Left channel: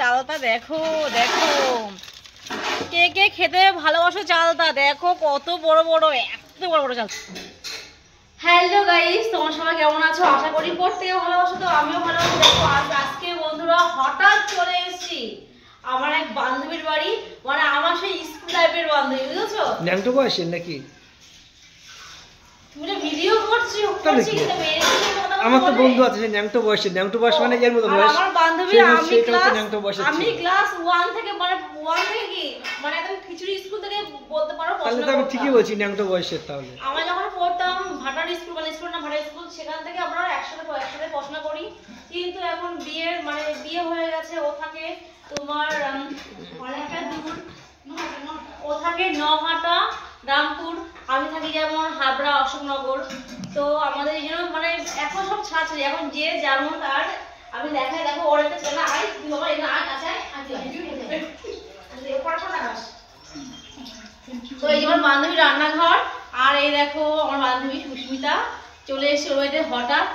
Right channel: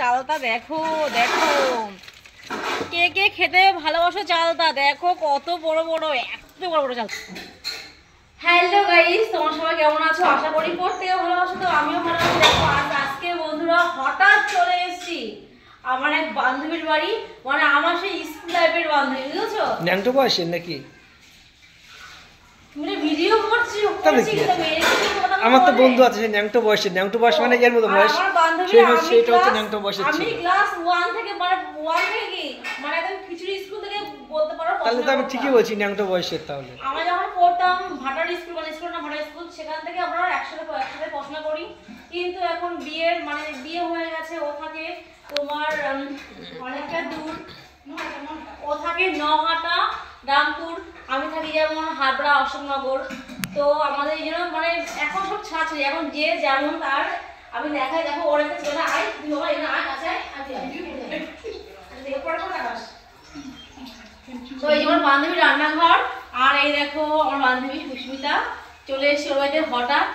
চালটা দেখো দেখো, কে কে খেতে ভালোবাসো চালটা দেখো কত বড় বড়, এত বড় বড় চাল। হ্যালো গাইস, তোমার সবাই কেমন আছো? আশা করি প্রত্যেকে ভালোবাসো। তো আমিও ভালো আছি। দেখো আজকে বন্ধুরা হঠাৎ চলে এসেছি আমার এক বান্ধবীর বাড়ি, মানে আমার সেই স্কুল লাইফের বান্ধবী, বুঝেছো? ন্যাংটো বয়সের নাকি? তুমি ভিডিও করছি আমার তো বন্ধু আছে যে ন্যাংটো বয়সের, ন্যাংটো বয়স মানে এর মতো বয়স। আমার বান্ধবী সেটা হচ্ছে ন্যাংটো বয়সের। আমি ক্লাস 1 থেকে মানে 1 থেকে কি মানে একদম খিচুড়ি স্কুল থেকে বলতে পারো। তাহলে তো আমি ঠিকই বলছি ন্যাংটো বয়সের। তাহলে আমরা যখন পড়তাম ভাটার স্কুল, মানে স্কুল না ভাটার স্কুল, সেখান থেকে আমরা একসাথে পড়াশোনা করি। কিন্তু এখন বিয়ের মানে বিয়ে হয়ে গেছে, ও থাকে তোমার অনেকটা দূর, ও থাকে নহাটা রামপুর, আমি থাকি যেমন হাবড়া অশোকনগর। তো আমাদের এই জন্য মানে এখন সব ছাড়ছে, এখন যে যেমন তার। আমি দেখাই, দেখো ওর একটা ছেলে, আয় তুই বাবা এখানে আয় কাছে আয়। তো এই যে আমার বান্ধবী রান্নাঘর, আর এই দেখো আমার বান্ধবী সুস্মিতা চলে এসে ওর বাড়িতে হঠাৎ।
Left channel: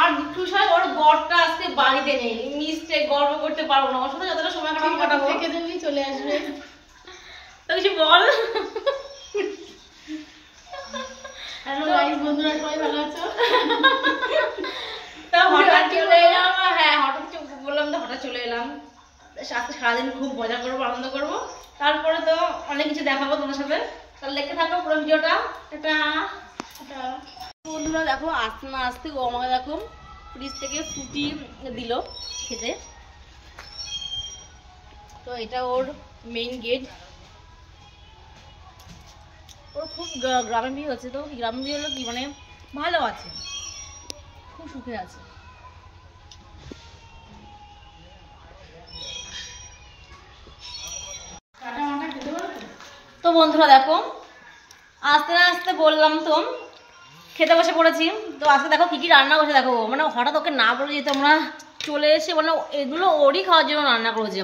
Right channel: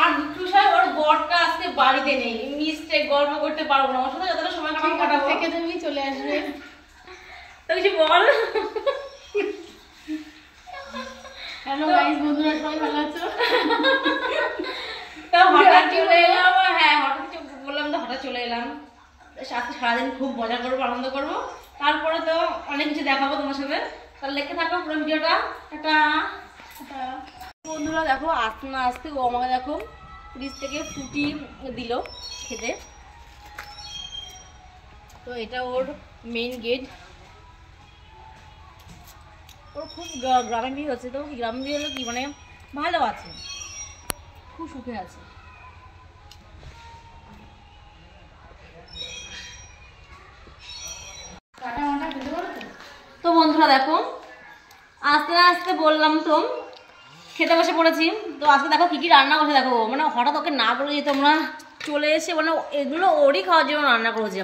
আর দুঃখসায় ওর বরটা আজকে বাড়িতে নেই, মিস্টেক গর্ব করতে পারবো না, ওর সাথে যতটা সময় কাটাবো থেকে তুমি চলে আসবে। তো কিছু বল। হ্যালো গাইস, বন্ধুরা সবাই ভালো আছো? তো হঠাৎ চলে এলাম, হ্যাঁ হঠাৎ বললাম তো হঠাৎ চলে এলাম। আজকে সারাদিন খুব মজা করবো, আনন্দ করবো, তারপরে তো অনেক কিছু দেখাবো তোমার সাথে। তাহলে দেখতে থাকো পুরো ভিডিওটা। এটা বন্ধুরা দেখো আস্তে না আস্তে ও আমাকে দেখো ফ্রিজ থেকে ফ্রুটি দিল খেতে। তো এটা ওর মেইন গেট। ওর খুব গ্রামে বিয়ে হচ্ছে, তো গ্রামে বিয়ে হলো কি মানে ভালো আছে, খুব সুখে আছে। তো বন্ধুরা দেখো আস্তে আস্তে বললাম তো খেতে বসে পড়েছি। তো আজকে দেখো কি কি রান্না বসে, দেখো মানে হঠাৎ ওকে না বলে যেতে আমরা চলে এসে, মানে এগুলো ওরই খাওয়ার জন্য রান্না করেছে,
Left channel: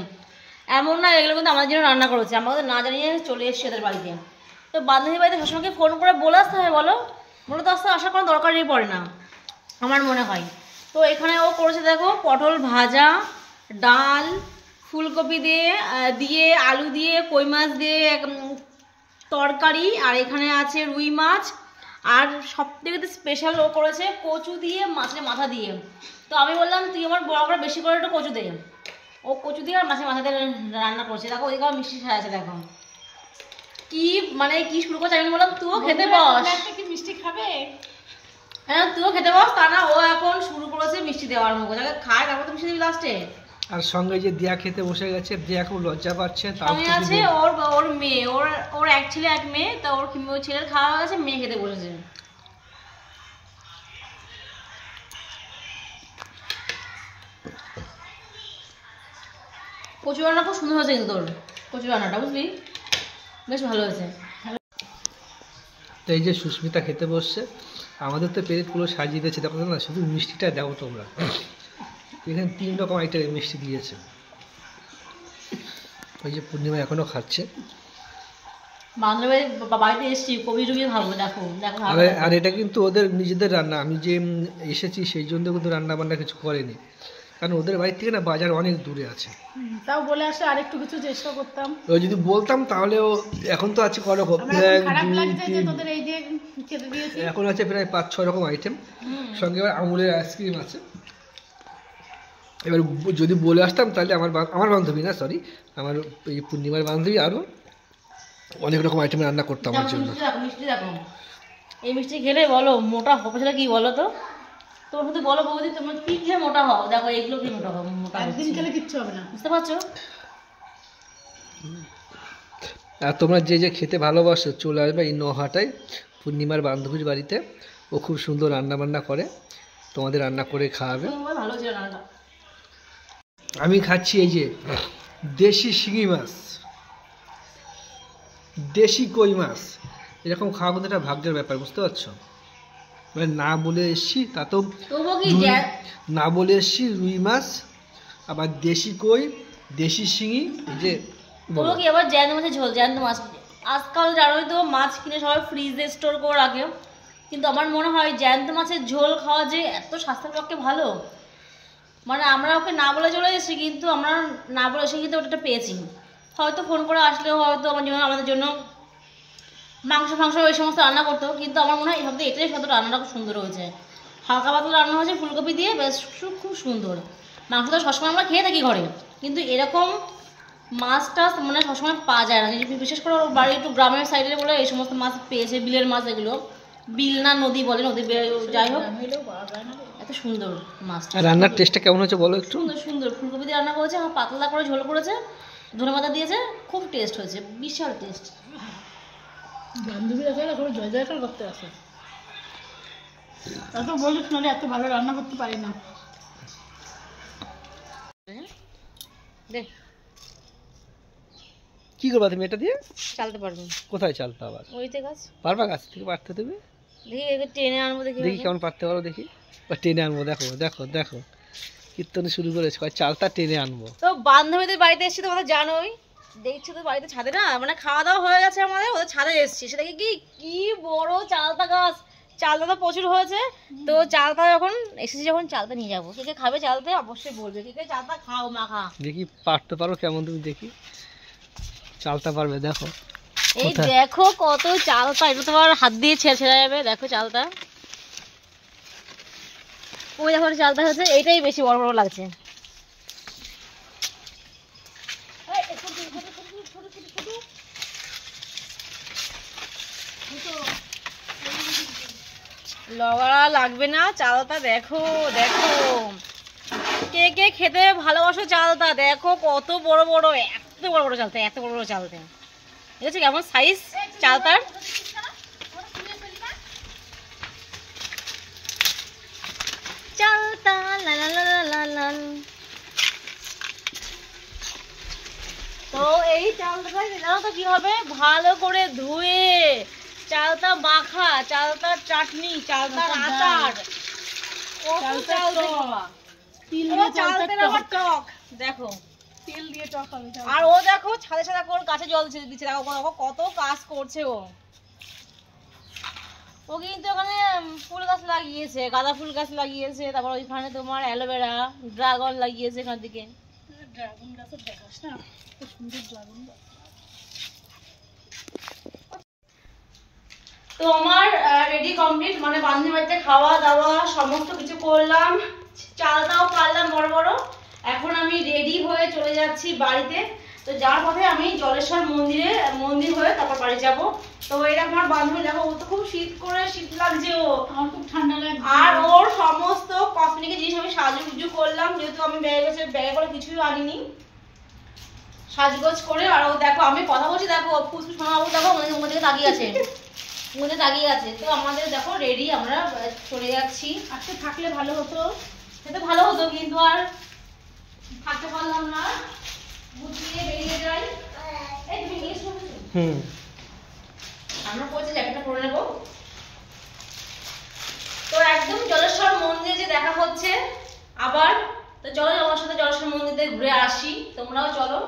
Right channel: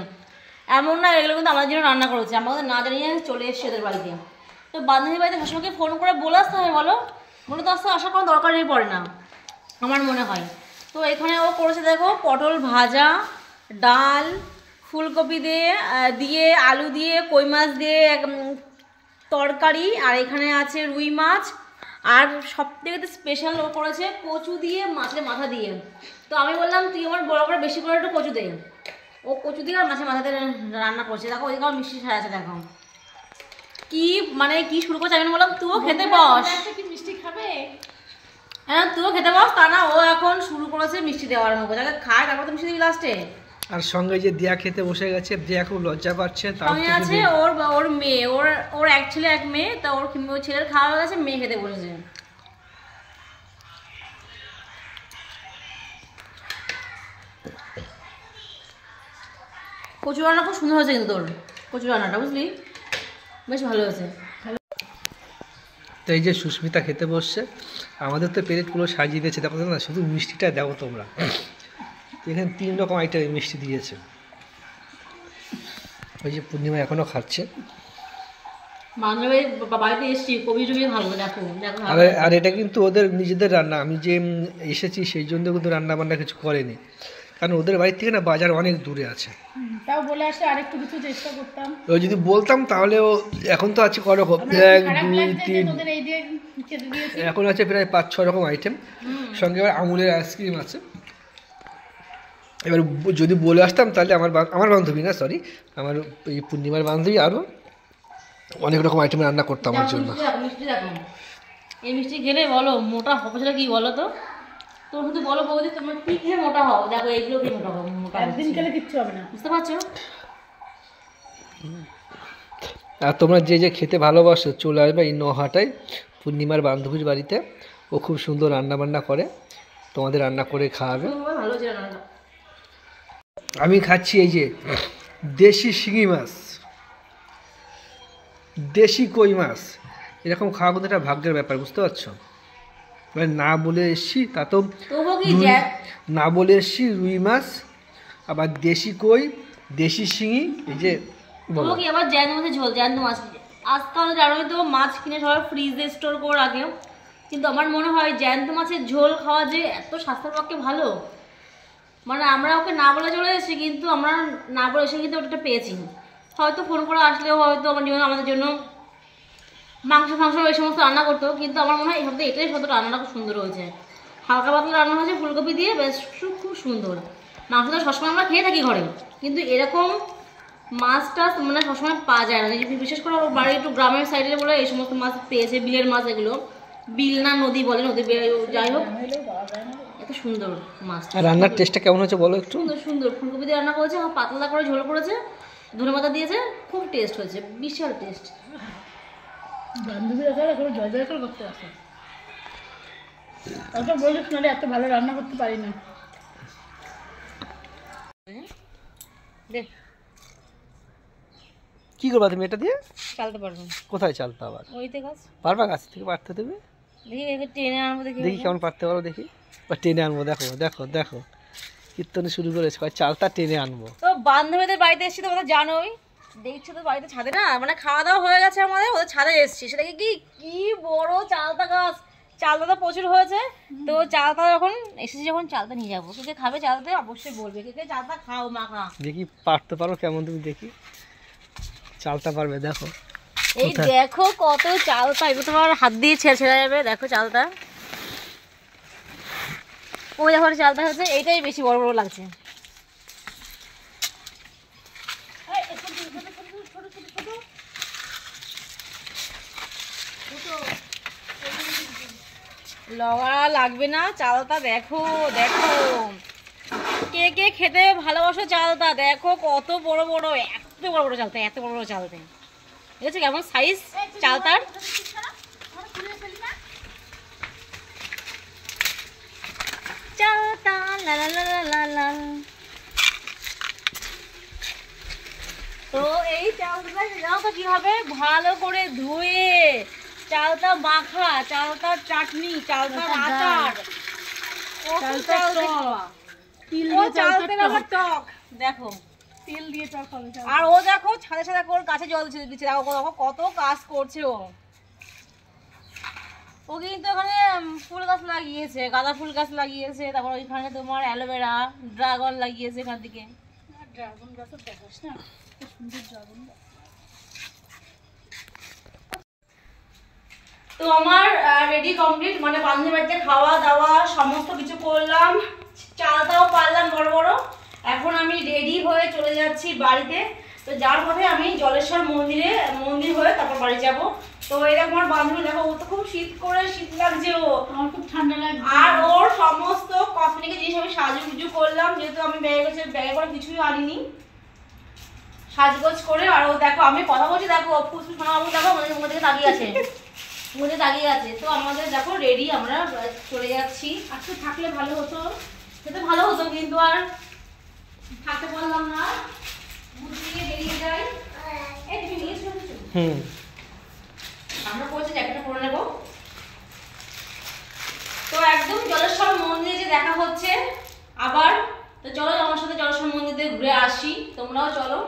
এমন না এগুলো কিন্তু আমাদের জন্য রান্না করেছে, আমাদের না জানিয়ে চলে এসছে এদের বাড়িতে। তো বান্ধবী বাড়িতে সবসময়কে ফোন করে বলে আসতে হবে বলো, মূলত আসতে আসার কোনো দরকারই পড়ে না আমার মনে হয়। তো এখানে ও করেছে দেখো পটল ভাজা, ডাল, ফুলকপি দিয়ে আলু দিয়ে কই মাছ দিয়ে তরকারি, আর এখানে আছে রুই মাছ, আর সব থেকে স্পেশাল ও করেছে কচু দিয়ে মাছের মাথা দিয়ে। তো আমি বললাম তুই আমার বড় করে বেশি করে একটু কচু দে, ও কচু দিয়ে আর মাছের মাথা দিয়ে রান্না করছে। দেখো ওইদিকে আমার মিষ্টি ছাড়া আছে, দেখো কি মানে কি শুরু করছে। আমি বললাম তুইও খেতে বস, কি মিষ্টি খাবে? হ্যাঁ তুইও খেতে বস, তা না ও এখন শুরু করেছে মিষ্টি দেওয়ার মুখে, যাকে খায় তারপর তো মিষ্টি দিবি লাস্টে। আর সঙ্গে যে দিয়া খেতে বসে গেছে, দিয়া খুব লজ্জা পাচ্ছে। সঙ্গে আছে ওর মেয়ে, ওর এক ছেলে এক মেয়ে। তা ওর ছেলের খাওয়া হয়ে গেছে, মেয়ে খেতে বসেছে। কচু রান্না খুব সুন্দর হয়েছে কিন্তু তোর কচু রান্নাটা, বুঝলি বেশ ভালো হয়েছে। তো এই যে সুস্মিতা খেতে বসছে, আমাদের তো প্লেটগুলো সাজিয়ে দিয়েছে, দেখো না শুধু মিষ্টিটা দাও তোমরা। এখানে 3 রকম আইটেমের মিষ্টি দিয়েছে। ওই যে পূর্ণিমা এখনো খাচ্ছে। বাড়িতে এসছি কবি টবি খাবো, দেখো দেখো। আর এটা কিন্তু ওদের নিজেদের রান্না, আমি যে এসেছি সেই জন্য কিন্তু রান্না বান্না কিছু করেনি, কারণ ওদের বাড়ি থেকে না বাজার অনেক দূরে আছে। তাও বলে আসলে আরেকটু কিছু চেষ্টা করতাম, ও যদি বলতাম তাহলেও এখন তো আছে করকম 1 2 3, এখন আছে প্রায় 5-6 রকম আইটেম, সঙ্গে আবার আমুলের আইসক্রিম আছে। এবার যদি বলে আসতাম তাহলে আমার বান্ধবী না, সরি আমার এই পূর্ণিমার বান্ধবী আরও অনেক রকম আইটেম রান্না করতাম আমার জন্য। এই মিষ্টি খেলে বলো মোটা হবে সেটা কি বলো তো? তোর মধ্যে বলো বৌদি তোমার কি খেয়ে মোটা হও, দেখো এইগুলো দিয়ে মোটা হবে, মোটা একদিন খেলে কিচ্ছু হবে না, বুঝতে পারছো? আর তোমরা যে যে খেতে ভালোবাসো চলে আসবে এই নহাটায় পূর্ণিমার বান্ধবীর বাড়িতে। ও খুব সুন্দর রান্না বান্না করে, তোমাদের রান্না করে খাওয়াবে। ভালো ছিল রান্নাটা। আমি খাচ্ছি এই যে দেশি শিঙি মাছ, দেশি কই মাছ, এরকম খাওয়া কিন্তু একটা ভাগ্যের ব্যাপার, বুঝতে পারছো? মানে না বলে এসছি, তা তো না বলে এসছি রুই মাছ, আবার দেশি কই, দেশি শিঙি, এই যে বলো কি আবার জ্যান্ত মাছের ঝোল। জ্যান্ত মাছ আজকাল জানোই তো মাছ কিনে সবাই ফ্রিজে স্টোর করে রাখে, কিন্তু আমার মনে হয় জ্যান্ত মাছের ঝোল খাওয়া যে এত স্বাস্থ্যের পক্ষে ভালো। মানে আমরা ওকে না বলে চলে এসেছি, কিন্তু আমরা না বলে এসে কিন্তু ওটা পেয়েছি। হয়তো ফোন করে আসলে হয়তো আমাদের জন্য মাংস এই সমস্ত রান্না করতো, কিন্তু আমার মনে হয় এটাই সব রান্নাটা খুব সুন্দর হয়েছে। হালকা পাতলা রান্না হয়েছে ফুলকপি দিয়ে, বেশ খুব সুন্দর। মাংসটা সবসময় আমরা খেয়ে থাকি ঘরে, কিন্তু এরকম মাছ টাছ মানে সবসময় পাওয়া যায় না। বিশেষ করে ওর বাড়ি একটু গ্রামের সাইডে বলে এই সমস্ত মাছ পেয়েছে, বিলের মাছ এগুলো, বিল না নদী বলে, নদী যাই হোক, এত সুন্দর মাছটা। রান্নার টেস্টটা কেমন হয়েছে বলো একটু? সুন্দর ফুলকপি দিয়ে রান্না করেছে, পাতলা করে ঝোল করেছে, ধনেপাতা দিয়েছে, খুব টেস্ট হয়েছে, বিশাল টেস্ট। বান্ধবীরা চলে জয় জয়কার করতে আসে, এত বলিস না এত ভালো রান্না করতে পারি না। দেখ কি করবা তুমি এটা দিয়ে? চালতে পারবো। কোথায় চালতে আবার? ওইতে গাছ পারবা? গাছ থেকে পারতে দেবে? দেখি এবার টেনে আনবো, দেখি কেমন পারতে পারো দেখি। বা টেনে আনবো, দেখো দেখো দেখো কীর্তনে শুরু করেছে, চালটা টেনে আনবো। তো বান্ধবীদের বাড়িতে এসেছি, তোমরা জানোই, দেখছো তো বাড়িতে ছাদে না মানে খাওয়া দাওয়া হয়ে গেছে আমাদের, ওদের ছাদে এসেছি, সেটা কি বড় চালতা গাছ, চালতা তো প্রচুর হয়েছে। তো চালতা যখন এসেছি, যখন চালতা নিয়ে যাবো, কে খাবে চালতে অবশ্যই বলবে, কে চালতা খাও মাখা। দেখি পারতে পারো কেমন তুমি, দেখি চালতা পারবে দেখো। এই দেখো কত চালতা, এটা তোমার হাত দিয়ে ছেড়ে যাবে, দেখো চালতা, ওই দেখো চালতা হয়েছে, এইটাই বেশি বড় বড় লাগছে। লড়া লাগবে না, চালতা দেখো দেখো, কে কে খেতে ভালোবাসো চালতা, দেখো কত বড় বড়, এত বড় বড় চালতা, এত বড় বড় চালতা, ঠিক আছে? কেমন সাইজ চালতার, চালতা লা লা লা লা লা। তো এই চালটা জানো তো কি হবে, ভালো করে ধুয়ে চালতা মাখা, চালতার চাটনি, চালতার আচার, টক, দেখো তেল দিয়ে টক হবে। আর ও দেখো ছাদে ছাদে করে গাছে জল দিচ্ছে, দেখো কত কাজ করছে ও কিন্তু এখানে ফুল গাছ লাগিয়েছে, গাঁদা ফুল গাছ লাগিয়েছে, তারপর ওইখানে তোমার অ্যালোভেরা, ড্রাগন লাগিয়েছে এখান থেকে। ড্রাগন গাছের দেখাস না, খুব সুন্দর ড্রাগন গাছ। তো আমার রেডি কমপ্লিট, মানে বান্ধবীর বাড়িতে খাওয়া দাওয়া সমস্ত কিছু করলাম, চালটাও পারলাম বড় বড়। এখন আমি রেডি হয়ে চলে যাচ্ছি বাড়িতে। তো যার পথে আমি জলেশ্বর মন্দির হয়ে তারপর বাড়ি যাব। তো এরকম আমার বান্ধবী দেখো, ও তো খুব শীত লাগছে, আমার খুব ঠান্ডা লাগছে। আর ওর সমস্ত কসমেটিকের জিনিস আমি সাজুগুজু করলাম, যেহেতু আমি ব্যাগে করে কিছুই আনিনি, সাজগোজ করে। আর ও দেখো আমি কথা বলছি, দেখো ফুসফুস শোনাবো, দেখো আমাদের মুখ থেকে তাকিয়ে আছে, তো আমাদের দেখো রেডি, আমরা চলে যাচ্ছি। আজকে থাকলে ভালো হতো, সেটা ভালো হতো, কিন্তু আর থাকতে পারলাম না, গুছিয়ে বেরিয়ে যাই। এই তুমি নিয়ে এসো, আমরা পৌঁছে জ্যাকেটটা পরে নেবো। তো একদম জলেশ্বর মন্দিরে যে দেখা হচ্ছে আবার, তো চলো আমার সাথে জলেশ্বর মন্দিরে ঘুরে আসি, তোমরাও চলো।